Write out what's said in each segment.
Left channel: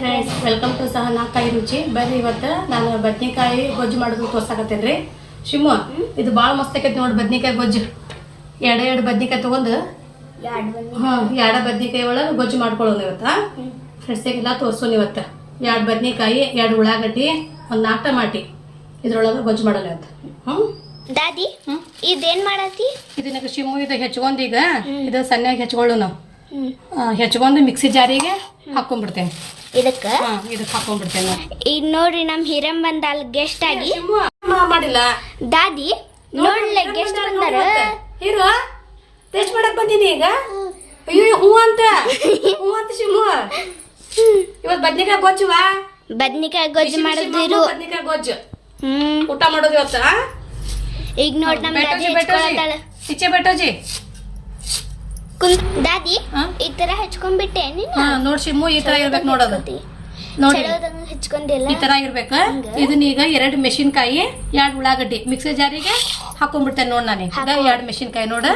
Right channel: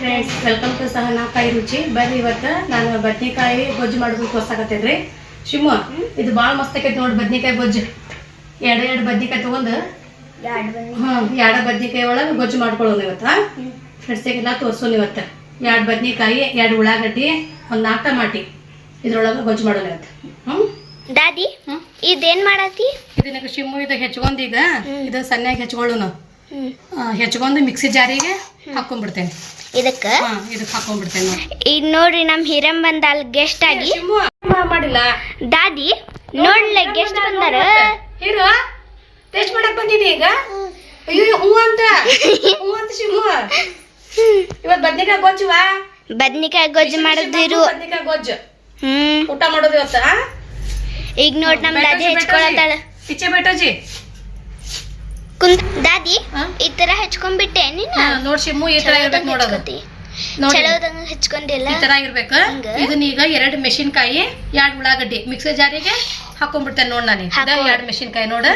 Friends welcome to Sahana ಕಾಯಿ ರುಚಿ. ಬರ್ರಿ ಇವತ್ತು ನಾನು ಬದ್ನಿಕಾಯಿ ಗೊಜ್ಜು ಮಾಡೋದು ತೋರ್ಸಾಕತ್ತೇನ್ರಿ ಶಿಮು ಇದು ಭಾಳ ಮಸ್ತ್ ಆಕೈತಿ ನೋಡಿ ಬದ್ನಿಕಾಯಿ ಗೊಜ್ಜು. ಎರಡು ಎರಡು ಬದ್ನಿಕಾಯಿ ತೊಗೊಂಡು ಹಾಂ ಎರಡು ಬದ್ನಿಕಾಯಿ ಒಳಗೆ ಗೊಜ್ಜು ಮಾಡ್ಕೊಳ್ಳೋಣ ಇವತ್ತು ಫ್ರೆಂಡ್ಸಿಗೆಲ್ಲ ತೋರ್ಸೋಣ ಇವತ್ತು. ಎರಡು ಬದ್ನಿಕಾಯಿ ಎರಡು ಉಳ್ಳಾಗಡ್ಡಿ ಒಂದು ನಾಲ್ಕು ಟಮಾಟಿ. ಇದ್ರೊಳಗೆ ಗೊಜ್ಜು ಮಾಡೋಣ ಇವತ್ತು. ಹ್ಞೂ ದಾದಿ. ಇದೇನ್ ಮಾಡತಿ ಇದನ್ನ ಶಿಮು ಇದು ಹೆಚ್ಕೊಂಡು ಈಗ ಇದು ಸಣ್ಣಗೆ ಹೆಚ್ಕೊಳ್ಳೋಣ. ಹೆಚ್ಕೊಂಡು ಮಿಕ್ಸಿ ಜಾರಿಗೆ ಹಾಕೊಂಡ್ಬಿಡ್ತೇನೆ. ಇದಕ್ಕ? ಇದಕ್ಕೆ ಹಾಕೊಂಡ್ಬಿಡ್ತೇನೆ ಈಗ ನೋಡ್ರಿ ನಮ್ಮ ಹಿರಂ ಬಂದಾಲ್ ಗೆಸ್ಟ್ ಆಗಿ. ಮಾಡಿಲ್ಲ. ದಾದಿ ನೋಡ್ಲೆ ಗೆಸ್ಟ್ ಬಂದಾರ? ಹೀರೋ ಟೇಸ್ಟ್ ಮಾಡಕ್ ಬಂದೀನಿ ಈಗ. ಅಯ್ಯೋ ಹೂ ಅಂತ. ಹೂ ಅಂತ ಶಿಮು ಇವತ್ ಬದ್ನಿಕಾಯಿ ಗೊಜ್ಜುವಾ ಬದ್ನಿಕಾಯಿ ಗೊಜ್ಜು ಮಾಡೋದಿರು ಬದ್ನಿಕಾಯಿ ಗೊಜ್ಜು. ಹ್ಮ್. ಊಟ ಮಾಡೋದು ಇವತ್ತ ಈಗ ನೋಡಿ ನಮ್ಮ ದಾದಿ ಹಚ್ಕೊಳತಾಳ ಇಚ್ಚೆ ಬೇಟಾಜಿ. ಕುಂತ್ ದಾದಿ ಈ ತರ ಹಚ್ಕೊಂಡ್ಬಿಟ್ಟೆ ನೀನು? ನೋಡಿ ಶಿಮು ಈ ತರ ಇರ್ಬೇಕು ನೋಡೋದು. ಚಲೋದಂಗ ಹಚ್ಕೊಂಡಿಲ್ಲ? ಈ ತರ ಇರ್ಬೇಕು? ಇದನ್ನ ಈಗ ಎರಡು ಮೆಣಸಿನ್ಕಾಯಿ ಎರಡು ಉಳ್ಳಾಗಡ್ಡಿ ಮಿಕ್ಸರ್ ಜಾರಿಗೆ ಹಾಕೊಂಡ್ಬಿಡ್ತೇನೆ ನೋಡ್ ನಾನು. ಎರಡ್ ಮೆಣಸಿನ್ಕಾಯಿ ನೋಡು.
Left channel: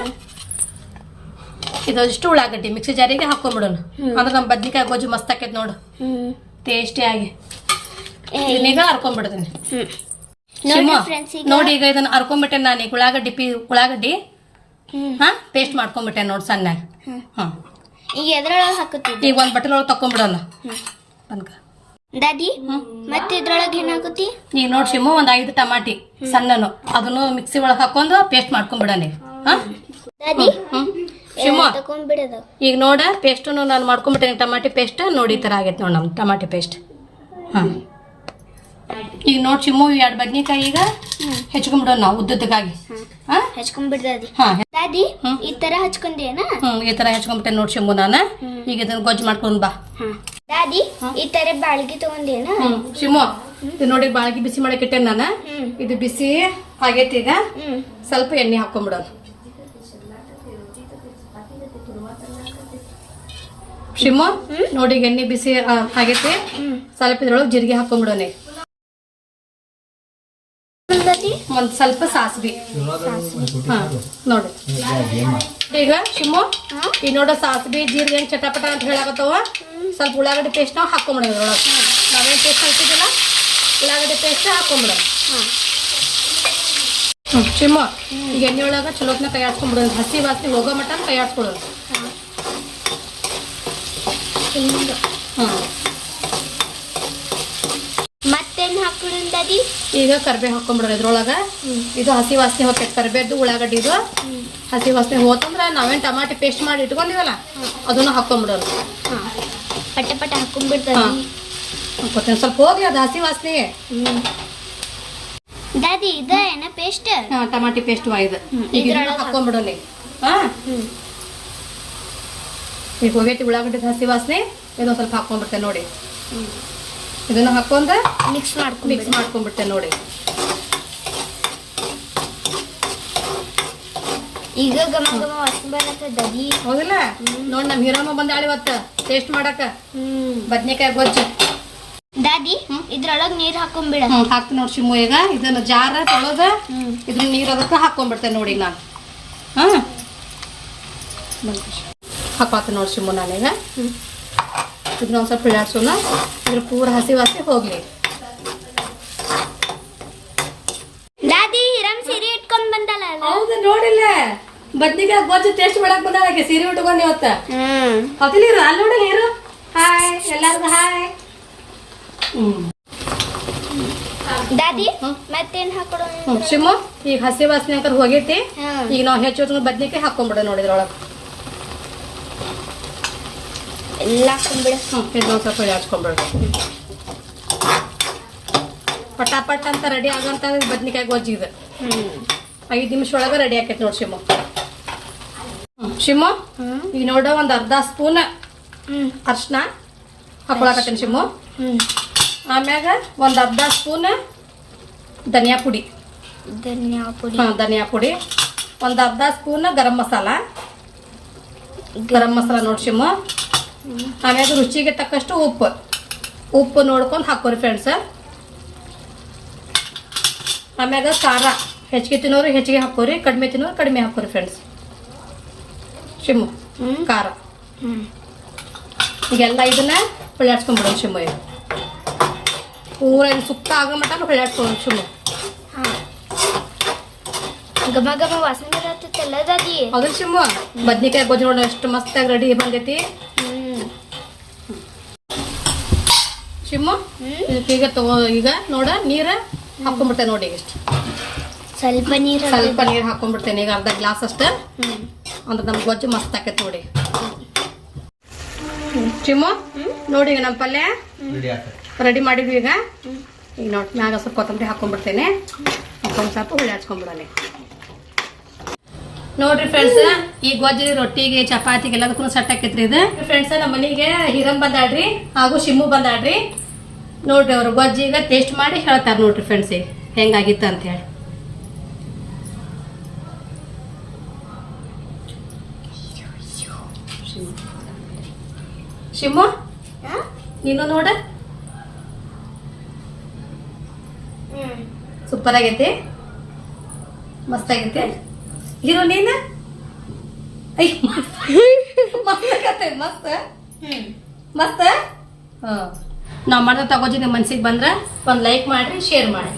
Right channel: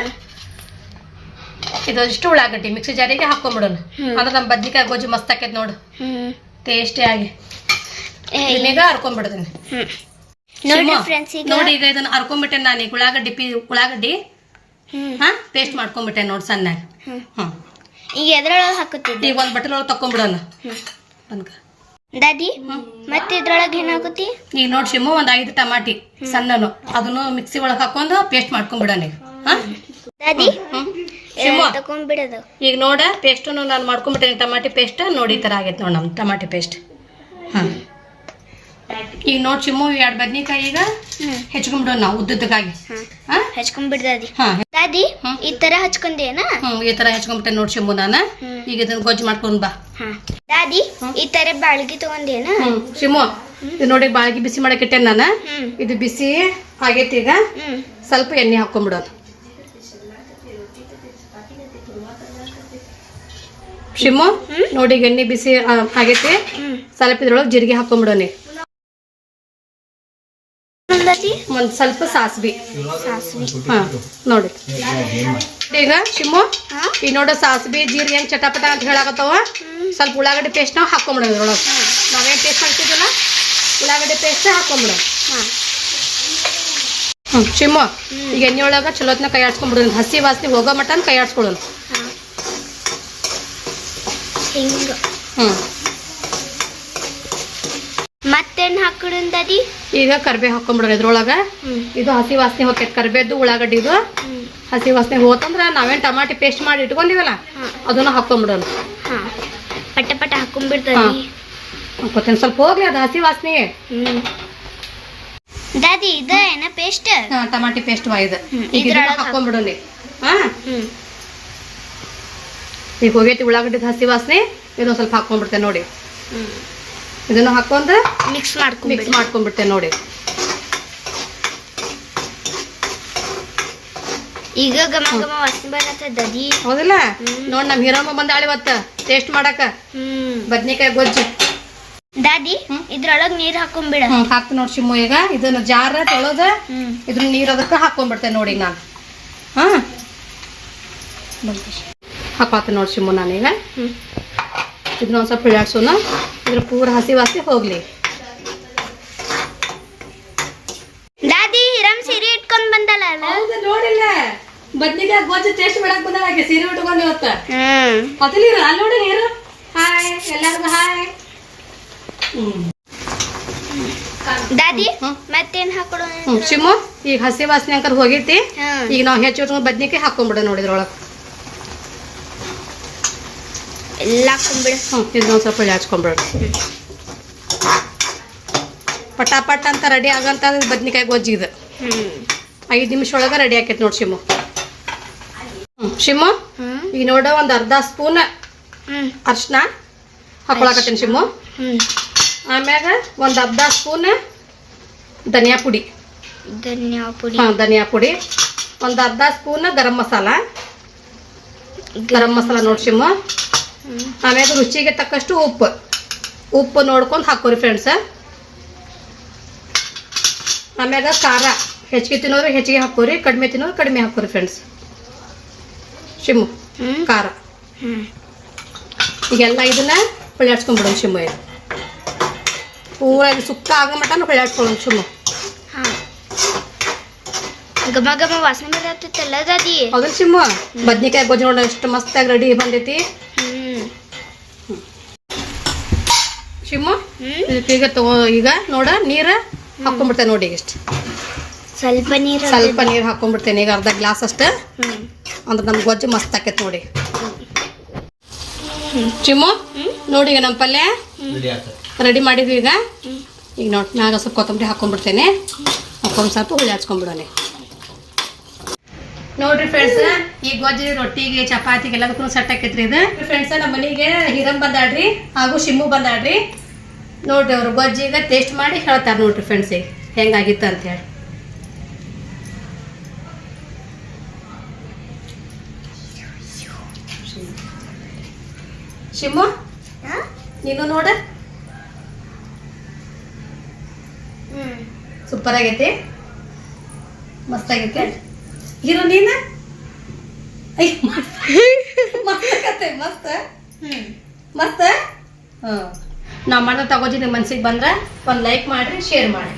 ಇದಷ್ಟು ಉಳ್ಳಾಗಡ್ಡಿ ಮಿಕ್ಸರ್ ಜಾರಿಗೆ ಹಾಕೊಂಡ್ಬಿಡೋಣ. ಅಂದ್ರೆ ನಮ್ಮ ಬದ್ನಿಕಾಯಿ ಗೊಜ್ಜು ಮಸ್ತ್ ಆಕೈತಿ ನೋಡು. ಟೇಸ್ಟಿ ಆಗಿ. ಇದನ್ನೀಗ ಹರ್ಕೊಂಡ್ಬಿಡ್ತೀನಿ ನೋಡಿ ಈಗ ಇದನ್ನ ಹರ್ಕೊಂಡ್ಬಿಟ್ಟೆ ನಾನು. ಈಗ ಉಳ್ಳಾಗಡ್ಡಿ ಪಿ ಉಳ್ಳಾಗಡ್ಡಿ ಹಾ? ಪೇಸ್ಟ್ ಮಾಡ್ಕೊಂಡ್ಬಿಟ್ಟೆ ನೋಡಿ ಸಣ್ಣ ಈಗ ಎದ್ರೊಳಗ ಹಾಕುತ್ತಿದ್ದೆ? ಈಗ ಒಂದ್ ಬಟ್ಟಲ್ ಒಳಗೆ ತಕೊಂಡ್ಬಿಡೋಣ ಹ್ಮ್. ಅನ್ಕ ದಾದಿ ಮತ್ತೆ ಇದ್ರೊಳಗೆ ಏನಾಗುತ್ತಿ? ಈಗ ನೋಡಿ ಶಿಮು ಒಂದ್ ಐದು ಟಮಾಟಿ ಸಣ್ಣನು. ಅದನ್ನು ಮಿಕ್ಸಿ ಒಳಗೆ ಹಾಕೊಂಡು ಪೇಸ್ಟ್ ಮಾಡ್ಕೊಂಡ್ಬಿಡೋಣ ಈಗ ಹಾ? ದಾದಿ ಶಿಮು. ತಕೊಂಡ್ಬಿಡೋದು ಈಗ ನೋಡ ಪೇಸ್ಟನ್ನು ನಾನು ಮಾಡ್ಕೊಂಡ್ಬಿಟ್ಟೆ ಟಮಾಟಿ ಪೇಸ್ಟ್ ನೋಡಿ ತರ ಥರ ಆಗೈತೆ ನೋಡಿ ನಮ್ಮ ಟಮಾಟಿ ಪೇಸ್ಟ್ ಹಾಂ. ಈಗ ನೋಡಿ ಶಿಮು ಎರಡು ಬದ್ನಿಕಾಯಿ ಈಗ ಹೆಚ್ಕೊಂಡ್ಬಿಡೋಣ ನಾವು ಹೆಚ್ಕೊಂಡ್ಬಿಡ್ದಿ ಹ್ಮ್. ಹಾಂ? ಹಚ್ಕೊಂಡ್ಬಿಡ್ ದಾದಿ. ಹಾಂ ದಾದಿ ಈ ತರ ಹಚ್ಕೊಂಡೇನ? ಈ ತರ ಹಚ್ಕೊಂಡ್ಬಿಟ್ಟೆ ನೋಡಿ ನಾನು. ಈಗ ಇದನ್ನ ಗೊಜ್ಜು ಮಾಡ್ಕೊಂಡ್ ಬಾ. ದಾದಿ ಈ ತರ ಬಾಳ್ಗಿ ತಗೊಂಡೇನ? ಶಿಮು ಇದು ನೋಡಿ ಬಾಳ್ಗಿ ಬಿಸಿ ಮಾಡಕ್ಕೆ ನಾನ. ಇದು ಬಿಸಿ ಆಗೈತಿ ಈಗ. ಸ್ವಲ್ಪ ಎಣ್ಣೆ ಹಾಕೊಂಡ್ಬಿಡೋದು ಶಿಮು ನೋಡಿ ಎಣ್ಣೆ ಬಿಸಿ ಆಗೈತಿ. ಸ್ವಲ್ಪ ಇದ್ರೊಳಗೆ ಜೀರಿಗೆ ಹಾಕೊಂಡ್ಬಿಡೋಣ ಒಂದ್ ಸ್ವಲ್ಪ ಸಾಸ್ಬಿ ಸಾಸ್ವಿ. ಹಾ ನೋಡಿ. ಈಗ ಶಿಮು ಈ ಈಗ ನೋಡ ಸಾಸ್ವಿ ಜೀರಿಗೆ ಹೆಂಗ್ ಚಟಪಟ ಅಂತ ಹೇಳಾಕತ್ತವ? ಸ್ವಲ್ಪ ಉಳ್ಳಾಗಡ್ಡೆ ಪೇಸ್ಟ್ ನಾವು ಹಾಕೊಂಬಿಡೋದು ಅದ್ರೊಳಗೆ ನಾವೇನ್ ಟೇಸ್ಟ್ ಹಾಕ್ತಿದ್ದಿಲ್ಲ ಉಳ್ಳಾಗಡ್ಡೆ ಪೇಸ್ಟ್ ಹಾಕೊಂಬಿಡೋ ಹಾ. ಹ್ಮ್ ಶಿಮು ಈಗ ಎಣ್ಣೆ ಒಳಗ ಚಲೋತ್ನ ಕೈ ಆಡ್ಸ್ಕೊಂಡ್ಬಿಡೋಣ ಹಸಿ ವಾಸನೆ ಹೋಗೋ ಮಟ್ಟ ಕೈ ಆಡ್ಸ್ಕೊಳ್ಳೋಣ ಹಾ ಈಗ ಕರ್ಬೇ ಹಾಕೊಂಡ್ಬಿಡ್ರಿ ಇದ್ರೊಳಗ. ಇದು ಹಸಿ ವಾಸನೆ ಹೋಗ್ತೈತೆ ಕರ್ಬೇದು ಉಳ್ಳಾಗಡ್ಡಿದು ಹಸಿ ವಾಸನೆ ಹೋತಂದ್ರ ನಾವೇನ್ ಟಮಾಟಿ ಪೇಸ್ಟ್ ಮಾಡಿ ಇಟ್ಕೊಂಡಿವಲ್ಲ. ಅದನ್ನ ಹಾಕೊಂಡ್ಬಿಡೋಣ ಹಾ. ಪಟ ಪಟ ಹಾಕೊಂಡ್ಬಿಡ್ತಾನಿ ಹಾಕೋತೇನೆ ಸ್ವಲ್ಪ ಹೋಗ್ಲಿ ಅದು ಹಸಿ ವಾಸನೆ. ದಾದಿ ಇದ ಏನ ಪೇಸ್ಟ್ ಹಾ, ಟಮಾಟಿ ಪೇಸ್ಟ್ ಇದು. ಹ್ಮ್, ಈಗ ಇದ್ರೊಳಗ್ ಹಾ. ಹೋಗೈತಿ ಉಳ್ಳಾಗಡ್ಡಿ ಹಸಿ ವಾಸನೆ ಇದೊಂದ್ ಸ್ವಲ್ಪ ಹಾಕೊಂಡ್ಬಿಡ್ತೇನೆ ನೋಡಿ. ಇದನ್ನ ಹಾಕೊಂಡ್ರೆ ಮಿಕ್ಸ್ ಮಿಕ್ಸ್ ಮಾಡ್ಕೊಂಡ್ಬಿಟ್ಟೆ ನೋಡಿ. ಈಗ ಗಮ ಗಮ ವಾಸನೆ ಬರತ್ತೆ ದದಿ ಹೌದಲ್ಲ? ನೋಡಿ ನೋಡ್ ನಮ್ ಹೀರಮ್ಮ ಬಂದಾಳೆ ಇವತ್ತ. ಟೇಸ್ಟ್ ಮಾಡಕ ಹ್ಮ್. ಬದ್ನಿಕಾಯಿ ಗೊಜ್ಜು. ದಾದಿ ಇದ್ರೊಳಗ್ ನೀರ್ ಹಾಕೊಂಡ್ಬಿಡ ಹಾಕ್ ನೋಡ್ ನೋಡಿ ಶಿಮು ಈಗ. ಇದನ್ನ ಜಾರ ತೊಳೆದ ಇದನ್ನ ಇದ್ರ ನೀರ್ ಅದಕ್ಕೆ ಹಾಕೊಂಡ್ಬಿಡ್ತೇನೆ ನೋಡಿ ನಾನು. ಹಾ? ಹಾಕಾತ ನೋಡಿ ಶಿಮ್ಮು ನಾನೀಗ ಇದನ್ನ ಒಂದ್ ಸ್ವಲ್ಪ ಇದ್ರ ಪೂರ ಹಸಿ ವಾಸಿ ಹೋಗ್ಲಿ. ದಾದಿ ಹಿರಂ ಸೀರೆ ಇಟ್ಕೊಂಡ್ ಬಂದಲ್ಲ ನೋಡಿಲ್ಲ. ಬದ್ನಿಕಾಯಿ ಗೊಜ್ಜು ಟೇಸ್ಟ್ ಮಾಡಕ್ ಬಂದ ಹಾಗೆ ಸೀರೆ ಉಟ್ಕೊಂಡು ಇವತ್ತ. ಹ್ಮ್. ನೀರು ಅಲ್ಲಿ ನೋಡಿ ನೀರು. ಹಾಯ್ ಎಲ್ಲರಿಗೂ ಹಾಯ್ ದಾದಿ. ಮತ್ತೇನ್ ಹಾಕೋಣ ಶಿಮು ಈಗ ಹಸಿ ವಾಸನೆ ಅಂಕರ್ ಹೋಗೈತಿ. ಈಗ ನಾವು ಹೆಚ್ಚು ಬದ್ನಿಕಾಯಿ ಹಾಕೊಂಡ್ಬಿಡ ನೋಡಿದ್ರೊಳಗೆ. ಎಲ್ಲ ಹಾಕೊಂಡ್ಬಿಡ ಹ್ಞೂ ಇದೊಂದು ಸ್ವಲ್ಪ ಹಚ್ಕೊಂಡ್ಬಿಡ ಪಟಾಪಟ್ ಅಂತ ರೆಡಿ ಆಗಂತ ಬದ್ನಿಕಾಯಿ ಗೊಜ್ಜಿ ಇದು ಹ್ಮ್. ಐದು ನಿಮಿಷ ಒಳಗೆ ರೆಡಿ ಆಕೈತಿ ನೋಡಿ ಶಿಮು. ಸಿಮ್ಮು ಶಿಮು ಹ್ಮ್. ಈಗ ನೋಡ ಒಂದು ಅರ್ಧ ಸ್ಪೂನ್ ಅರ್ಶಿನ ಹಾಕೊಳಕತ್ತೀನಿ ಶಿಮು. ಹ್ಮ್. ಆಮ್ಯಾಗ ಒಂದು ಅರ್ಧ ಸ್ಪೂನ್ ಧನಿಯಾ ಪುಡಿ. ಧನಿಯಾ ಪುಡಿ. ಹಾಂ ಧನಿಯಾ ಪುಡಿ. ಒಂದು ಅರ್ಧ ಸ್ಪೂನ್ ಗರಂ ಮಸಾಲ. ಗರಂ ಮಸಾಲ ನೋಡ್ಸಿಮ್ಮ ಹ್ಮ್ ಆಮ್ಯಾಗ ರುಚಿಗೆ ತಕ್ಕಷ್ಟು ಉಪ್ಪು. ಉಪ್ಪು ನೋಡ್ಕೊಂಡು ಹಾಕೋರಿ ಫ್ರೆಂಡ್ಸ್ ಆಮ್ಯಾಗ ಖಾರ. ಹೆಚ್ಚಿಗೆ ತಿನ್ನೋರು ಹೆಚ್ಚಿಗೆ ಹಾಕೋರಿ ಕಡಿಮೆ ತಿನ್ನೋರು ಕಡಿಮೆ ಹಾಕೋರಿ ಫ್ರೆಂಡ್ಸ್ ಶಿಮ್ಮು ಖಾರ. ಈಗೆಲ್ಲ ಇದನ್ನ ಹೊಳ್ಯಾಡ್ಸ್ಕೊಂಡ್ಬಿಡೋಣ ಶಿಮ್ಮ ಈಗ. ಪೂರ ಇದು ಸುಕ್ಕ ಆಗೋ ಮಟ್ಟ ಹೊಳ್ಯಾಡ್ಸ್ಕೊಳ್ಳೋಣ ಶಿಮ್ಮ. ಗಮ ಗಮ ವಾಸನೆ ಬರತ್ತಲ್ಲ ದಾದಿ? ಅದು ಶಿಮ್ಮ. ಬದ್ನಿಕಾಯಿ ಗೊಜ್ಜು ನೋಡೋಣ ಎಷ್ಟು ಮಸ್ತಾಗಿ ರೆಡಿ ಬಂದೈತಿ. ಇದಕ್ಕೆ ಈಗ ತಗೋ ಈಗ. ನೋಡ ನೀರು ಹಾಕೊಂಡ್ಬಿಡ್ತೇನೆ ನೋಡಿ ಇಷ್ಟು. ಸ್ವಲ್ಪ ನೀರು ಸ್ವಲ್ಪ ನೀರು ಹಾಕೊಂಡ್ಬಿಡ್ತೇನೆ ಈಗ ಅರ್ಧ ಗ್ಲಾಸ್ ಅಷ್ಟ. ಹ್ಮ್. ಅಂದ್ರೆ ನಮ್ಮ ಗೊಜ್ಜು ಮಸ್ತ್ ಆಕೈತೆ ನೋಡಿ. ಚಿಮ್ಮು ನೋಡಿ ಈಗ ನಮ್ಮ ಪಲ್ಯ. ರೆಡಿ ಮಾಡಿದ್ವಿ ಈಗ. ಈಗ ನೋಡಿ ಮ್ಯಾಗ ಸ್ವಲ್ಪ ಕೊತ್ತಂಬರಿ ಹಾಕೊಂಡ್ಬಿಡ್ತೇನೆ ಹಾಕೊಂಡು ಸ್ವಲ್ಪ ಹುಳಿ ಹಚ್ಕೊಂಡ್ಬಿಡೋಣ. ನೋಡ್ರಿ ಫ್ರೆಂಡ್ಸ್ ಈ ಗೊಜ್ಜು ರೊಟ್ಟಿಗೆ ಚಪಾತಿಗೆ ಎಲ್ಲದಕ್ಕೂ ಸೆಟ್ ಆಕೈತ್ರಿ ಇದು. ಫ್ರೆಂಡ್ಸ್ ನಮ್ಮ ಮನೆಗೆ ಹಿರಂ ಬಂದಾಡ್ರಿ ಹಾಗೂ ಶಿಮ್ಮು ಬಂದಾಡ್ರಿ ನೋಡ್ರಿ ಅವ್ರು ಈಗ ಟೇಸ್ಟ್ ಮಾಡಿ ಹೇಳ್ತಾರೆ ನೋಡ್ರಿ ಫ್ರೆಂಡ್ಸ್ ಈಗ ಹೆಂಗಾಗಿತ್ತು ಅಂತೇಳಿ ಶಿಮ್ಮ ನೀನು ನೋಡ. ಸೂಪರ್ ಆಗೈತಿ. ಮಸ್ತ್ ಆಗೈತೆ. ಇರೋ ನೀನ? ಐ ಮಸ್ತ್. ಮಸ್ತ್ ಮಸ್ತ್. ಹ್ಮ್. ಮಸ್ತ್? ಹಾಂ ನಾವು ಮಾಡೋದು ತಗೋಜಿ ನಿಮ್ಮ ಮನ್ಸಿಗೆ ಬಂದ್ರೆ ಒಂದು ಲೈಕ್ ಮಾಡಿರಿ ಶೇರ್ ಮಾಡಿ